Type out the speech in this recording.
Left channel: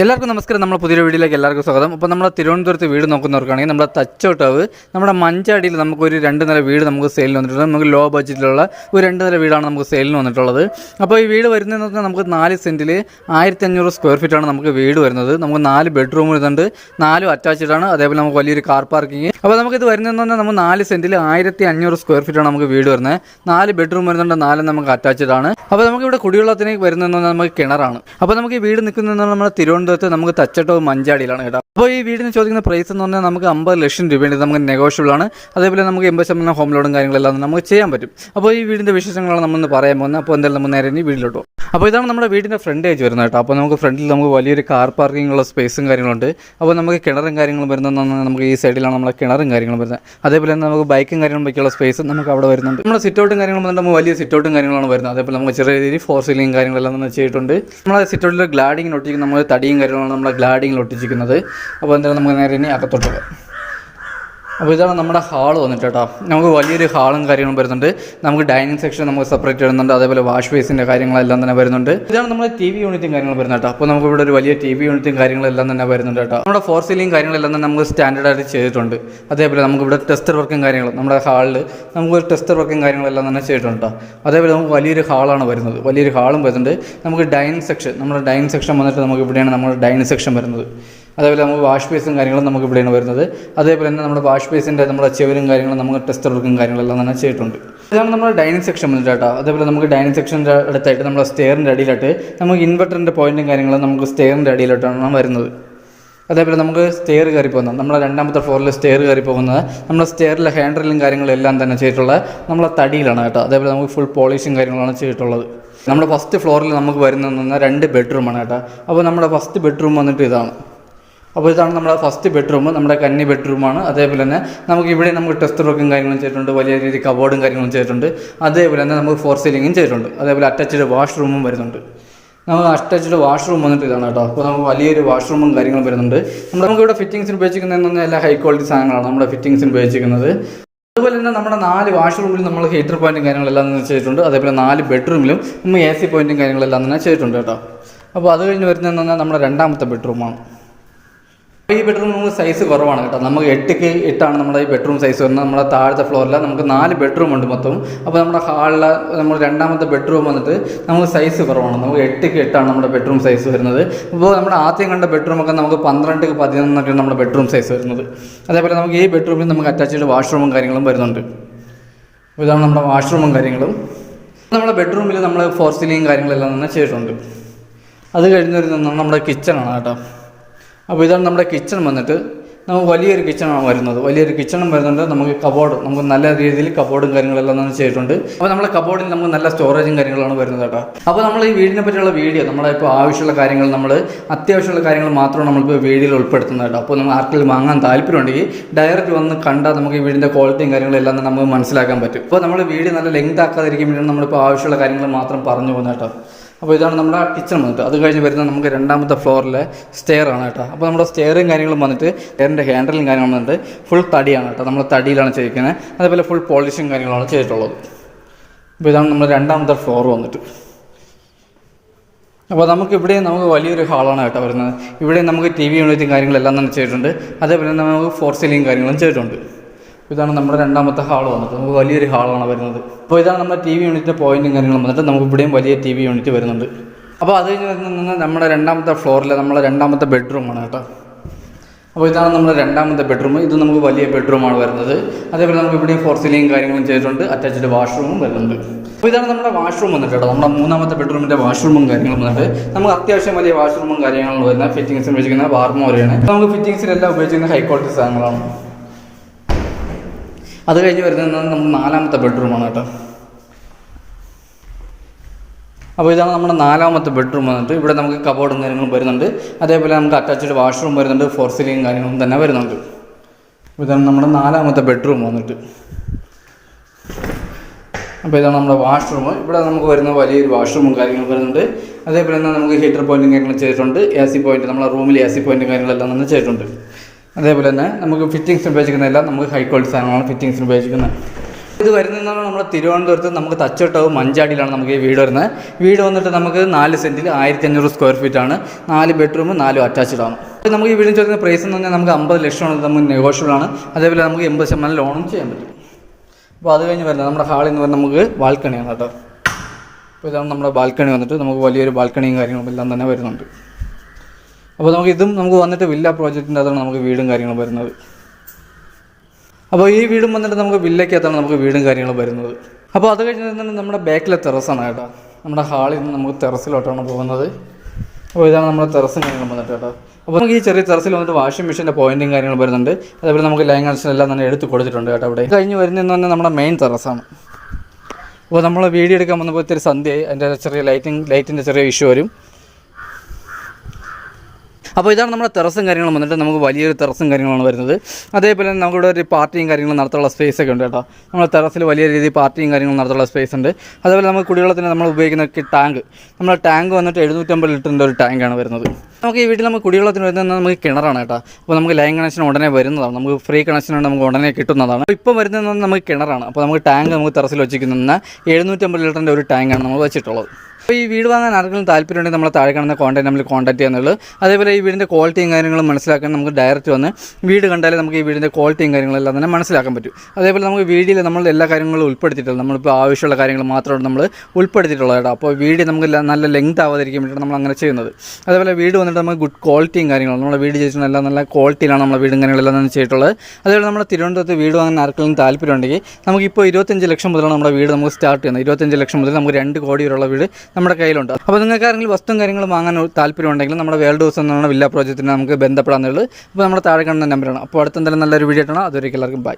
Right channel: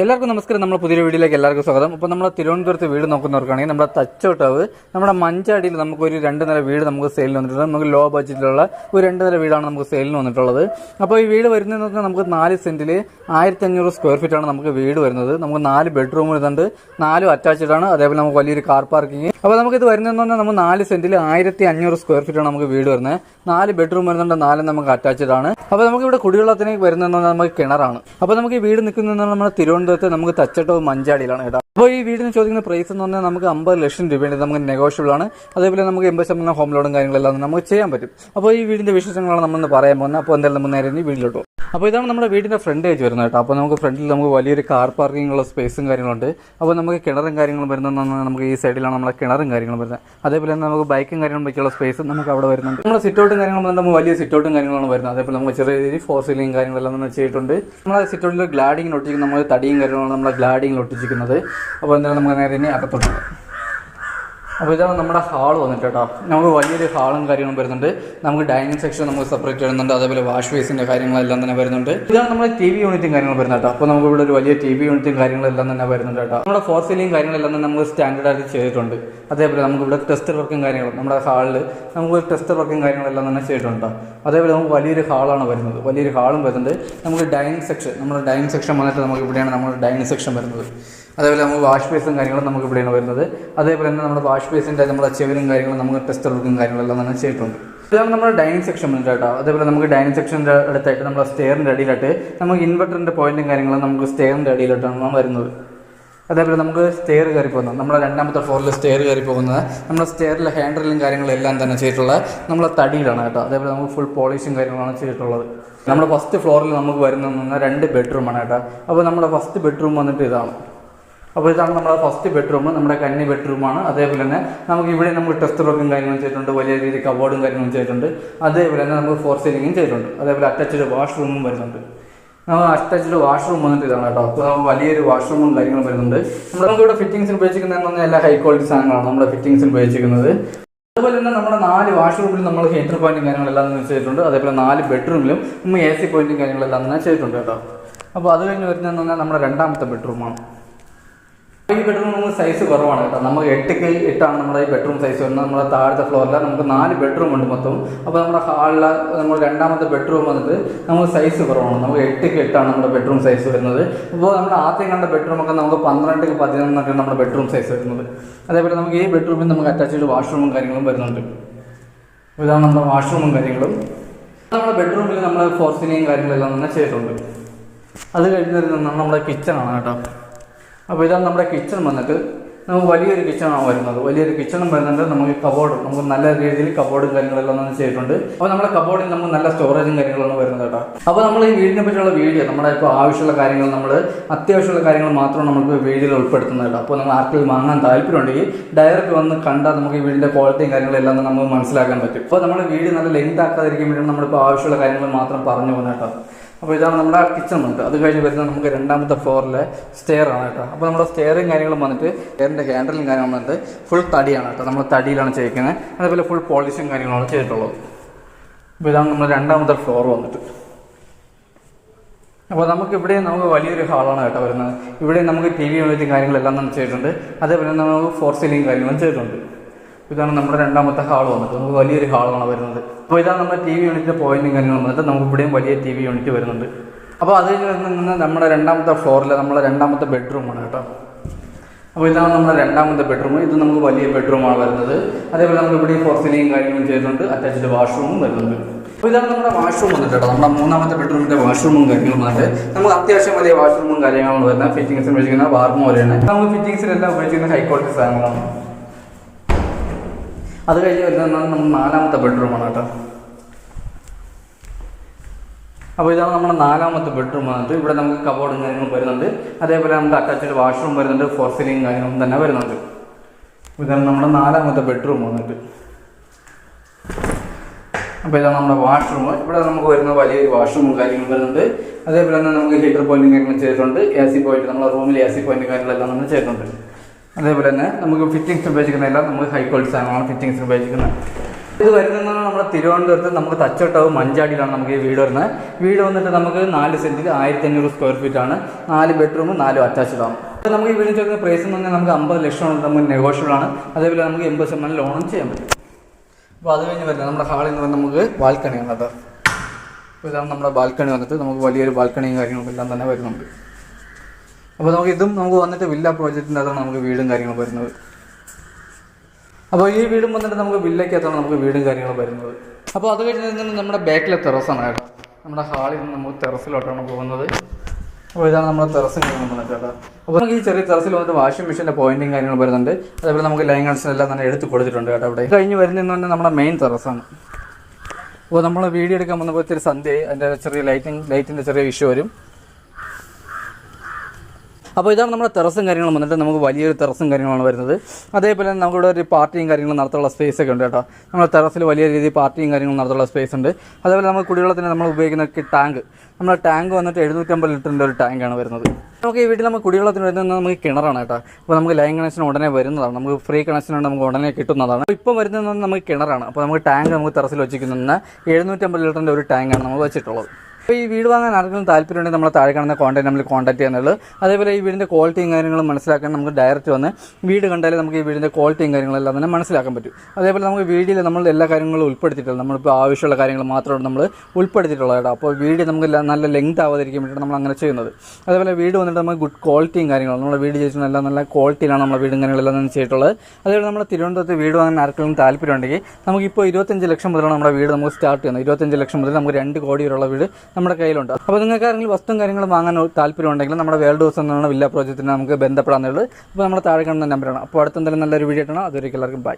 എല്ലാവർക്കും നമസ്കാരം. നമ്മൾ പുതിയൊരു വീഡിയോയിലേക്ക് എല്ലാവർക്കും സ്വാഗതം. അപ്പോൾ നമ്മൾ തിരുവനന്തപുരത്ത് വീട് നോക്കുന്നവർക്കാണെങ്കിൽ നമ്മുടെ തച്ചോട്ടാവ് നമ്മുടെ മഞ്ചാടിയിൽ നമുക്കൊരു 2 നില വീട് നമുക്ക് സെയിലിന് വന്നിട്ടുള്ളത്. നമുക്ക് ലോ ബഡ്ജറ്റിലുള്ള ഒരു 2 നില വീടാണ് നമുക്ക് സെയിലിന് വന്നിട്ടുള്ളത്. അപ്പോൾ ഈ വീട് വരുന്നതെന്ന് പറഞ്ഞാൽ നമുക്ക് 4 സെൻറ്റിൽ 1500 സ്ക്വയർ ഫീറ്റാണ് നമുക്ക് വീട് വരുന്നത്. നമുക്ക് 4 ബെഡ്റൂം വരുന്നുണ്ട്, 4 അറ്റാച്ച്ഡ് ആണ്. അതേപോലെ നമുക്ക് വലിയൊരു കാർ പാർക്കിങ്. അപ്പോൾ നമുക്കിത് വരുന്നതെന്ന് പറഞ്ഞാൽ നമുക്ക് 4 സെൻറ്റിൽ 1500 സ്ക്വയർ ഫീറ്റാണ് നമുക്ക് വീട് വരുന്നത്. 4 ബെഡ്റൂം വരുന്നുണ്ട്, 4 നമുക്ക് അറ്റാച്ച്ഡ് ആണ്. അപ്പോൾ നമുക്കിവിടെ കുടിവെള്ളത്തിന് വരുന്നതെന്ന് പറഞ്ഞാൽ നമുക്ക് കിണറാണ്. അപ്പോൾ നമുക്ക് ഈ വീട് നിൽക്കുന്നത് നമ്മുടെ തിരുവനന്തപുരത്ത് നമുക്ക് തച്ചോട്ടാവ് മഞ്ചാടിയിലാണ് കേട്ടോ. അപ്പോൾ ഈ വീടിന് ചോദിക്കുന്ന പ്രൈസ് എന്ന് പറഞ്ഞാൽ നമുക്ക് 50 ലക്ഷം രൂപയുണ്ട്. നമുക്ക് നെഗോഷ്യബിൾ ആണ്. അതേപോലെ നമുക്ക് 80% ഹോം ലോണും കാര്യങ്ങളെല്ലാം നമുക്ക് ചെയ്യാൻ പറ്റും. അപ്പോൾ ഈ വീടിൻ്റെ വിശേഷങ്ങളാണ് നമ്മൾ പറയാൻ പോകുന്നത്. അപ്പോൾ എന്തായാലും നമ്മൾ നേരെ വീട്ടിലോട്ട് പോകും. അപ്പോൾ ഇതാണ് നമ്മുടെ വീടിൻ്റെ ഫ്രണ്ട് ഏജ് വരുന്നത് കേട്ടോ. അപ്പോൾ നമുക്ക് ഫ്രണ്ടിൽ നമുക്ക് വലിയൊരു കാർ പാർക്കിംഗ് ഉള്ള സ്പേസും കാര്യങ്ങളുണ്ട്. അപ്പോൾ നമുക്ക് കിണറും കാര്യങ്ങളും വരുന്നതെന്ന് നമുക്ക് ഈ സൈഡിലാണ് നമ്മളെ കിണറും കാര്യങ്ങളും വരുന്നത്. അതേപോലെ തന്നെ നമുക്ക് ബൈക്കും കാര്യങ്ങളും വയ്ക്കുള്ള സ്പേസ് നമുക്ക് അവിടെ വരുന്നുണ്ട്. നമ്മുടെ സിറ്റൗട്ടും കാര്യങ്ങളും നമുക്ക് വലിയ സിറ്റൗട്ടും കാര്യങ്ങളാണ് വരുന്നത്. അതേപോലെ നമുക്ക് ചെറിയ രീതിയിൽ 4 സീലിംഗ് കാര്യങ്ങളെല്ലാം നമ്മൾ ചെയ്തിട്ടുണ്ട്. നമ്മളെ സിറ്റൗട്ടിൽ ഗ്ലാഡിങ്ങിന് ഒട്ടിക്കുന്ന നമ്മൾ തടിയും കാര്യങ്ങളാണ് നമ്മളെ ഗ്ലാഡിങ്ങിൽ ഒട്ടിച്ചിരിക്കുന്നത്. അപ്പോൾ എന്തായാലും നമുക്ക് നേരെ ഇനി അകത്തോട്ട് പോകാം. അപ്പോൾ ഇതാണ് നമ്മുടെ ഹാൾ വന്നിട്ട് കേട്ടോ. നമുക്ക് വലിയൊരു ഹാളും കാര്യങ്ങളും വരുന്നുണ്ട്. നമുക്ക് ഡൈനിങ് സെക്ഷൻ നമുക്ക് സെപ്പറേറ്റ് വരുന്നുണ്ട്. അതേപോലെ വാഷ് ബേസിൻ്റെ കാര്യങ്ങളെല്ലാം തന്നെ വരുന്നുണ്ട്. ഇതാണ് നമ്മുടെ TV യൂണിറ്റും കാര്യങ്ങളും വരുന്നത് കേട്ടോ. അപ്പോൾ നമുക്ക് ഇവിടെ ഒരു വലിയ TV യൂണിറ്റും കാര്യങ്ങളെല്ലാം തന്നെ വരുന്നുണ്ട് കേട്ടോ. നമ്മുടെ 4 സീലിംഗ് കാര്യങ്ങളെല്ലാം തന്നെ നമുക്ക് സ്റ്റാൻഡേർഡായിട്ട് ചെയ്തിട്ടുണ്ട്. അതേപോലെ നമുക്ക് ഇവിടെ ടെസ്റ്റർ വർക്കും കാര്യങ്ങളും നമ്മുടെ ഹാളിൽ നമുക്ക് ടെസ്റ്റർ വർക്കും കാര്യങ്ങളെല്ലാം തന്നെ ചെയ്തിട്ടുണ്ട്. അതേപോലെ നമുക്ക് വലിയൊരു ഹാളാണ് വരുന്നത്. വലിയൊരു ഹാളും വരുന്നുണ്ട്. നമുക്ക് ഡൈനിങ് സെക്ഷൻ, നമ്മുടെ ഡൈനിങ് സെക്ഷൻ വന്നിട്ട് നമുക്ക് ഇവിടെയാണ് നമ്മുടെ ഡൈനിങ് സെക്ഷൻ വരുന്നത്. അതേപോലെ നമുക്ക് വാഷ് ബേസും കാര്യങ്ങളും നമുക്ക് ഇവിടെയാണ് വരുന്നത്. അതേപോലെ തന്നെ നമ്മുടെ വാഷ് ബേസിൻ്റെ നമ്മുടെ ചെവരും കാര്യങ്ങളും നമുക്ക് ടെസ്റ്റർ വർക്കും കാര്യങ്ങളെല്ലാം തന്നെ ചെയ്തിട്ടുണ്ട്. ഇതാണ് നമ്മുടെ ഡൈനിങ് സെക്ഷൻ വന്നിട്ട് കേട്ടോ. അതേപോലെ നമുക്ക് ഡൈനിങ് സെക്ഷൻ്റെ അടുത്തായിട്ട് നമ്മുടെ സ്റ്റെയറിൻ്റെ അടിയിലായിട്ട് നമുക്ക് ഇൻവെർട്ടറിൻ്റെ പോയിൻറ്റും കാര്യങ്ങളും നമുക്ക് സ്റ്റെയറിൻ്റെ അടിയിലോട്ടാണ് വരുന്നത്. അതേപോലെ നമുക്ക് സ്റ്റെയർ കയറി പോകുന്നത് നമ്മുടെ 2ാമത്തെ ഫ്ലോറിൽ സ്റ്റെയർ കയറി പോകുന്നത് നമ്മുടെ സ്റ്റെയറിലെ ഹാൻഡിലും കാര്യങ്ങളെല്ലാം തന്നെ ചെയ്തിട്ടുള്ള നമ്മളെ തടിയിലാണ് കേട്ടോ. അതേപോലെ നമുക്ക് ഫുൾ പോളിഷും കാര്യങ്ങളാണ് ചെയ്തിട്ടുള്ളത്. നമ്മുടെ ഫസ്റ്റ് ഫ്ലോറിൽ നമുക്ക് വരുന്നത് 2 ബെഡ്റൂമാണ് കേട്ടോ. അപ്പോൾ നമ്മുടെ ഫസ്റ്റ് ബെഡ്റൂം വന്നിട്ട് ഇതാണ്. അപ്പോൾ ഇതാണ് നമ്മുടെ ഫസ്റ്റ് ബെഡ്റൂം, നമ്മുടെ കന്നി ബെഡ്റൂമാണ്. അതേപോലെ തന്നെ നമുക്ക് ഇവിടെ നമുക്ക് ടെസ്റ്റ് വർക്കും കാര്യങ്ങളും ചെയ്തിട്ടുണ്ട്. വലിയ രീതിയിൽ കബോർഡും കാര്യങ്ങളും ചെയ്തിട്ടുണ്ട്. അതേപോലെ തന്നെ നമുക്ക് 4 സീലിംഗും ചെയ്തിട്ടുണ്ട്. അതേപോലെ അറ്റാച്ച്ഡ് വാഷ്റൂമും വരുന്നുണ്ട്. നമുക്ക് അറ്റാച്ച്ഡ് വാഷ്റൂം വന്നിട്ട് ഇതാണ് കേട്ടോ. അപ്പോൾ നമുക്ക് വലിയൊരു വാഷ്റൂമും കാര്യങ്ങളും വരുന്നുണ്ട്. നമുക്ക് ഇവിടെ ഫിറ്റിംഗ്സിന് ഉപയോഗിച്ചിരിക്കുന്നതെന്ന് എല്ലാ ഹൈ ക്വാളിറ്റി സാധനങ്ങളാണ് നമ്മുടെ ഫിറ്റിംഗ്സിന് ഉപയോഗിച്ചിരിക്കുന്നത്. അതുപോലെ തന്നെ നമ്മുടെ 4 വാഷ്റൂമിലും നമ്മൾ ഹീറ്റർ പോയിൻറ്റും കാര്യങ്ങളെല്ലാം തന്നെ ചെയ്തിട്ടുണ്ട്. അതേപോലെ 4 ബെഡ്റൂമിലും നമ്മൾ AC പോയിൻറ്റും കാര്യങ്ങളെല്ലാം തന്നെ ചെയ്തിട്ടുണ്ട് കേട്ടോ. അപ്പോൾ അത് കഴിഞ്ഞ് വരുന്നതെന്ന് പറഞ്ഞാൽ നമ്മുടെ 2ാമത്തെ ബെഡ്റൂമാണ്. ഈ ബെഡ്റൂം നമുക്ക് സൈസ് കുറവാണ് കേട്ടോ. നമുക്ക് 8ക്ക് 8 നമ്മുടെ ഈ ബെഡ്റൂം സൈസ് വരുന്നത്. നമ്മുടെ താഴത്തെ ഫ്ലോറിൽ നമുക്ക് 4 ബെഡ്റൂം ഉണ്ട് മൊത്തം. അപ്പോൾ നമ്മുടെ ഹാളിൽ നമ്മൾ 2ാമത്തെ ബെഡ്റൂം വന്നിട്ട് നമുക്ക് സൈസ് കുറവാണ്. നമുക്ക് 8ക്ക് 8 നമ്മുടെ ബെഡ്റൂം സൈസ് വരുന്നത്. ഇപ്പോൾ നമ്മുടെ ആദ്യം കണ്ട ബെഡ്റൂമൊക്കെ നമുക്ക് 12ക്ക് 11 നമ്മുടെ ബെഡ്റൂം സൈസ് വരുന്നത്. അതേപോലെ നമുക്ക് ഈ ബെഡ്റൂമിൽ നമുക്ക് അറ്റാച്ച്ഡ് വാഷ്റൂമും കാര്യങ്ങളും വരുന്നുണ്ട്. ഇതാണ് നമ്മുടെ വാഷ്റൂമും കാര്യങ്ങളും. നമ്മുടെ ബെഡ്റൂമിൽ നമ്മൾ 4 സീലിംഗ് കാര്യങ്ങളെല്ലാം തന്നെ ചെയ്തിട്ടുണ്ട്. അത് കഴിഞ്ഞ് വരുന്നത് നമ്മുടെ കിച്ചണാണ് കേട്ടോ. അപ്പോൾ ഇതാണ് നമ്മുടെ കിച്ചൺ വന്നിട്ട് നമുക്ക് വലിയൊരു കിച്ചണാണ് വരുന്നത്. വലിയൊരു കിച്ചണും വരുന്നുണ്ട്. നമുക്ക് കബോർഡ്, നമുക്ക് നല്ല രീതിയിൽ കബോർഡും കാര്യങ്ങളെല്ലാം തന്നെ ചെയ്തിട്ടുണ്ട്. അപ്പോൾ നമ്മുടെ കബോർഡിൽ നമുക്ക് നല്ല സ്റ്റോറേജും കാര്യങ്ങളാണ് വരുന്നത് കേട്ടോ. അപ്പോൾ നമ്മൾ ഈ വീടിനെ പറ്റിയുള്ള വീഡിയോ നമ്മളിപ്പോൾ ആവശ്യമുള്ള കാര്യങ്ങൾ, നമ്മൾ അത്യാവശ്യമുള്ള കാര്യങ്ങൾ മാത്രമാണ് നമ്മളിപ്പോൾ വീഡിയോയിൽ ഉൾപ്പെടുത്തുന്നത് കേട്ടോ. അപ്പോൾ നമ്മൾ ആർക്കെങ്കിലും വാങ്ങാൻ താല്പര്യമുണ്ടെങ്കിൽ ഡയറക്റ്റ് വന്ന് കണ്ടാൽ നമുക്ക് ഈ വീടിൻ്റെ ക്വാളിറ്റിയും കാര്യങ്ങളെല്ലാം നമുക്ക് മനസ്സിലാക്കാൻ പറ്റും. അപ്പോൾ നമ്മൾ വീഡിയോ നല്ല ലെങ്ത് ആക്കാതിരിക്കാൻ വേണ്ടി നമ്മളിപ്പോൾ ആവശ്യമുള്ള കാര്യങ്ങൾ മാത്രം പറഞ്ഞു പോകുന്നത് കേട്ടോ. അപ്പോൾ ഇതാണ് നമ്മുടെ കിച്ചൺ വന്നിട്ട്. അത് കഴിഞ്ഞ് വരുന്നത് നമുക്ക് 2ാമത്തെ ഫ്ലോറിലെ സ്റ്റെയർ ആണ് കേട്ടോ. അപ്പോൾ നമ്മുടെ സ്റ്റെയറും കാര്യങ്ങളും വന്നിട്ട് സ്റ്റെയറിൻ്റെ ഹാൻഡിലും കാര്യങ്ങളും വന്നിട്ട് ഫുൾ തടിയാണ് കേട്ടോ. നമ്മൾ തടിയിലാണ് ചെയ്യിക്കുന്നത്. അതേപോലെ ഫുൾ പോളിഷും കാര്യങ്ങളാണ് ചെയ്തിട്ടുള്ളത്. അപ്പോൾ ഇതാണ് നമ്മുടെ 2ാമത്തെ ഫ്ലോർ വന്നിട്ട്. അപ്പോൾ നമുക്ക് ഇവിടെ നമുക്ക് വലിയൊരു ഹാളാണ് കേട്ടോ വരുന്നത്. ഇവിടെ നമുക്ക് TV യൂണിറ്റും കാര്യങ്ങളെല്ലാം തന്നെ ചെയ്തിട്ടുണ്ട്. അതേപോലെ നമുക്ക് 4 സീലിംഗ് കാര്യങ്ങളും ചെയ്തിട്ടുണ്ട്. ഇതാണ് നമ്മുടെ 2ാമത്തെ ഹാൾ വന്നിട്ട്. നമുക്ക് വലിയൊരു ഹാളാണ് വരുന്നത്. അപ്പോൾ ഇതാണ് നമ്മുടെ TV യൂണിറ്റ് പോയിൻറ്റും കാര്യങ്ങളും വന്നിട്ട് നമുക്ക് ഇവിടെയും വലിയ TV യൂണിറ്റ് വരുന്നുണ്ട്. അപ്പോൾ അത് കഴിഞ്ഞ് വരുന്നത് നമ്മുടെ 2ാമത്തെ ഫ്ലോറിൽ നമ്മുടെ 2ാമത്തെ ബെഡ്റൂമാണ് കേട്ടോ. അപ്പോൾ ഇതാണ് നമ്മുടെ 2ാമത്തെ ബെഡ്റൂം. ഇത് നമുക്ക് വലിയ ബെഡ്റൂമാണ് വരുന്നത്. അതേപോലെ നമുക്ക് ഇവിടെ 4 സീലിംഗ് കാര്യങ്ങളും ചെയ്തിട്ടുണ്ട്. അറ്റാച്ച്ഡ് വാഷ്റൂമും വരുന്നുണ്ട്. അപ്പോൾ ഇതാണ് നമ്മുടെ വാഷ്റൂം വന്നിട്ട് കേട്ടോ. നമ്മുടെ 3ാമത്തെ ബെഡ്റൂമിൻ്റെ വാഷ്റൂമും കാര്യങ്ങളും വന്നിട്ട് നമുക്ക് അത്യാവശ്യം വലിയ വാഷ്റൂമും കാര്യങ്ങളും വരുന്ന ഫിറ്റിംഗ്സിന് ഉപയോഗിക്കുന്ന വാർമോരെയാണ്. നമുക്ക് ഫിറ്റിംഗ്സിലെല്ലാം ഉപയോഗിക്കുന്ന ഹൈ ക്വാളിറ്റി സാധനങ്ങളാണ്. അത് കഴിഞ്ഞ് വരുന്നത് നമ്മുടെ 4ാമത്തെ ബെഡ്റൂമാണ് കേട്ടോ. അപ്പോൾ ഇതാണ് നമ്മുടെ 4ാമത്തെ ബെഡ്റൂം വന്നിട്ട്. ഇവിടെ നമുക്ക് കബോർഡും കാര്യങ്ങളും വരുന്നുണ്ട്. അതേപോലെ നമുക്ക് അറ്റാച്ച്ഡ് വാഷ്റൂം വരുന്നുണ്ട്. 4 സീലിംഗ് കാര്യങ്ങളും തന്നെ വരുന്നുണ്ട്. ഇതാണ് നമ്മുടെ 4ാമത്തെ ബെഡ്റൂം വന്നിട്ട്. അപ്പോൾ ഇതാണ് നമ്മുടെ വാഷ്റൂം. ഇവിടെ നമുക്ക് വരുന്ന വലിയൊരു വാഷ്റൂമും കാര്യങ്ങളും വരുന്നുണ്ട്. അതേപോലെ തന്നെ നമുക്ക് ഹീറ്റർ പോയിൻറ്റും കാര്യങ്ങളും ചെയ്തിട്ടുണ്ട്. AC പോയിൻറ്റ്, നമ്മുടെ റൂമിൽ AC പോയിൻറ്റും കാര്യങ്ങളെല്ലാം തന്നെ ചെയ്തിട്ടുണ്ട്. അതേപോലെ തന്നെ നമുക്ക് ഫിറ്റിംഗ്സ് ഉപയോഗിക്കുന്നതെല്ലാം നമുക്ക് ഹൈ ക്വാളിറ്റി സാധനമാണ് ഫിറ്റിംഗ്സിന് ഉപയോഗിക്കുന്നത്. ഇത് വരുന്നതെന്ന് നമ്മുടെ തിരുവനന്തപുരത്ത് നമുക്ക് തച്ചോട്ടാവ് മഞ്ചാടിയിലാണ് നമുക്ക് ഈ വീട് വരുന്നത്. വീട് വന്നിട്ട് നമുക്ക് 4 സെൻറ്റിൽ 1500 സ്ക്വയർ ഫീറ്റ് ആണ്. 4 ബെഡ്റൂം 4 അറ്റാച്ച്ഡ് ആണ്. അപ്പോൾ നമുക്ക് ഈ വീടിന് ചോദിക്കുന്ന പ്രൈസ് എന്ന് പറഞ്ഞാൽ നമുക്ക് 50 ലക്ഷമാണ് നമുക്ക് നെഗോഷ്യബിൾ ആണ്. അതേപോലെ നമുക്ക് 80% ലോണും ചെയ്യാൻ പറ്റും. അപ്പോൾ അത് കഴിഞ്ഞ് വരുന്നത് നമ്മുടെ ഹാളിൽ നിന്ന് നമുക്ക് ബാൽക്കണിയാണ് കേട്ടോ. അപ്പോൾ ഇതാണ് നമ്മുടെ ബാൽക്കണി വന്നിട്ട് നമുക്ക് വലിയൊരു ബാൽക്കണിയും കാര്യങ്ങളും എല്ലാം തന്നെ വരുന്നുണ്ട്. അപ്പോൾ നമുക്ക് വന്നിട്ട് വില്ല പ്രോജക്റ്റിൻ്റെ അകത്താണ് നമുക്ക് വീടും കാര്യങ്ങളും വരുന്നത്. അപ്പോൾ ഈ വീടും വന്നിട്ട് നമുക്ക് വില്ലയ്ക്കകത്താണ് നമുക്ക് വീടും കാര്യങ്ങളും വരുന്നത്. അപ്പോൾ അത് കഴിഞ്ഞ് നമ്മുടെ ബാക്കിലെ ടെറസാണ് കേട്ടോ. നമ്മുടെ ഹാളിൽ നിന്ന് നമുക്ക് ടെറസിലോട്ടാണ് പോകുന്നത്. അപ്പോൾ ഇതാണ് നമ്മുടെ ടെറസും കാര്യങ്ങളും വന്നിട്ട് കേട്ടോ. അപ്പോൾ നമുക്ക് ഈ ചെറിയ ടെറസിൽ വന്നിട്ട് വാഷിംഗ് മെഷീൻ്റെ പോയിൻറ്റും കാര്യങ്ങളും വരുന്നുണ്ട്. അതേപോലെ നമുക്ക് ലൈൻ കണക്ഷൻ എല്ലാം തന്നെ എടുത്ത് കൊടുത്തിട്ടുണ്ട് കേട്ടോ. അവിടെ കഴിഞ്ഞ് വരുന്നതെന്ന് പറഞ്ഞാൽ നമ്മുടെ മെയിൻ ടെറസാണ്. അപ്പോൾ നമ്മൾ വീഡിയോ എടുക്കാൻ വന്നപ്പോൾ ഇത്തിരി സന്ധ്യയായി, അതിൻ്റെ ചെറിയ ലൈറ്റിൻ്റെ ചെറിയ ഇഷ്യൂ വരും. അപ്പോൾ ഇതാണ് നമ്മുടെ ടെറസും കാര്യങ്ങളും വന്നിട്ട് നമുക്ക് വലിയൊരു ടെറസും കാര്യങ്ങളാണ് വരുന്നത്. അതേപോലെ തന്നെ നമുക്കിവിടെ ഒരു പാർട്ടിയും കാര്യങ്ങളും നടത്താനുള്ള സ്പേസ് ഒക്കെ ഉണ്ട് കേട്ടോ. നമ്മുടെ ടെറസിൽ വലിയ രീതിയിൽ പാർട്ടിയും കാര്യങ്ങളും നടത്താനുള്ള സ്പേസ് ഉണ്ട്. അതേപോലെ നമുക്ക് കുടിവെള്ളത്തിന് നമ്മൾ ഉപയോഗിക്കുന്ന ടാങ്ക്, നമ്മുടെ ടാങ്ക് വന്നിട്ട് 750 ലിറ്ററിൻ്റെ ഒരു ടാങ്കാണ് വരുന്നത്. നമുക്ക് ഈ വീട്ടിൽ നമുക്ക് കുടിവെള്ളത്തിന് വരുന്നത് നമുക്ക് കിണറാണ് കേട്ടോ. അപ്പോൾ നമുക്ക് ലൈൻ കണക്ഷൻ ഉടനെ വരുന്നതാണ്, നമുക്ക് ഫ്രീ കണക്ഷനാണ് നമുക്ക് ഉടനെ കിട്ടുന്നതാണ്. അപ്പോൾ ഇപ്പം വരുന്നത് നമുക്ക് കിണറാണ്. അപ്പോൾ നമുക്ക് ടാങ്ക് നമുക്ക് ടെറസിൽ വെച്ചിരിക്കുന്ന 750 ലിറ്ററിൻ്റെ ഒരു ടാങ്കാണ് നമ്മൾ വെച്ചിട്ടുള്ളത്. അപ്പോൾ ഈ വീട് വാങ്ങാൻ ആർക്കെങ്കിലും താല്പര്യമുണ്ടെങ്കിൽ നമ്മളെ താഴെ കാണുന്ന കോൺടാക്ട് നമ്പറിൽ കോൺടാക്ട് ചെയ്യാന്നുള്ളത്. അതേപോലെ ഈ വീടിൻ്റെ ക്വാളിറ്റിയും കാര്യങ്ങളും മനസ്സിലാക്കാൻ നമുക്ക് ഡയറക്റ്റ് വന്ന് വീട് കണ്ടാലേ നമുക്ക് ഈ വീടിൻ്റെ ക്വാളിറ്റിയും കാര്യങ്ങളെല്ലാം തന്നെ മനസ്സിലാക്കാൻ പറ്റും. അതേപോലെ നമുക്ക് വീഡിയോയിൽ നമ്മൾ എല്ലാ കാര്യങ്ങളും ഉൾപ്പെടുത്തിയിട്ടുള്ളത്, നമ്മളിപ്പോൾ ആവശ്യമുള്ള കാര്യങ്ങൾ മാത്രമാണ് നമ്മൾ ഉൾപ്പെടുത്തിയിട്ടുള്ളത് കേട്ടോ. അപ്പോൾ വീഡിയോ നമുക്ക് നല്ല ലെങ്ത് ആവാതിരിക്കാൻ വേണ്ടിയിട്ട് നമ്മൾ അങ്ങനെ ചെയ്യുന്നത്. അതേപോലെ വീട് വന്നിട്ട് നമുക്ക് ഗുഡ് ക്വാളിറ്റിയും കാര്യങ്ങളും നമ്മുടെ വീട് ചെയ്തിട്ടുള്ള നല്ല ക്വാളിറ്റിയിലാണ് നമ്മുടെ വീടും കാര്യങ്ങളെല്ലാം തന്നെ ചെയ്തിട്ടുള്ളത്. അതേപോലെ നമ്മുടെ തിരുവനന്തപുരത്ത് വീട് വാങ്ങാൻ ആർക്കെങ്കിലും താല്പര്യമുണ്ടെങ്കിൽ നമുക്കിപ്പോൾ 25 ലക്ഷം മുതലാണ് നമ്മുടെ വീട് നമുക്ക് സ്റ്റാർട്ട് ചെയ്യുന്നത്. 25 ലക്ഷം മുതൽ നമുക്ക് 2 കോടി വരെയുള്ള വീട് നമ്മുടെ കയ്യിലുണ്ട്. അപ്പോൾ നിങ്ങൾക്ക് ആരെങ്കിലും വസ്തുവും കാര്യങ്ങളും വാങ്ങാൻ താല്പര്യമുണ്ടെങ്കിൽ നമ്മുടെ വേൾഡ് ഹൗസ് എന്ന വില്ല പ്രോജക്റ്റിനെ നമുക്ക് ബന്ധപ്പെടാന്നുള്ളത്. അപ്പോൾ നമ്മുടെ താഴെ കാണുന്ന നമ്പറാണ്. അപ്പോൾ അടുത്തെന്തായാലും നല്ലൊരു വീഡിയോ ആണ്. അതുവരെയ്ക്ക് എല്ലാവർക്കും ബൈ.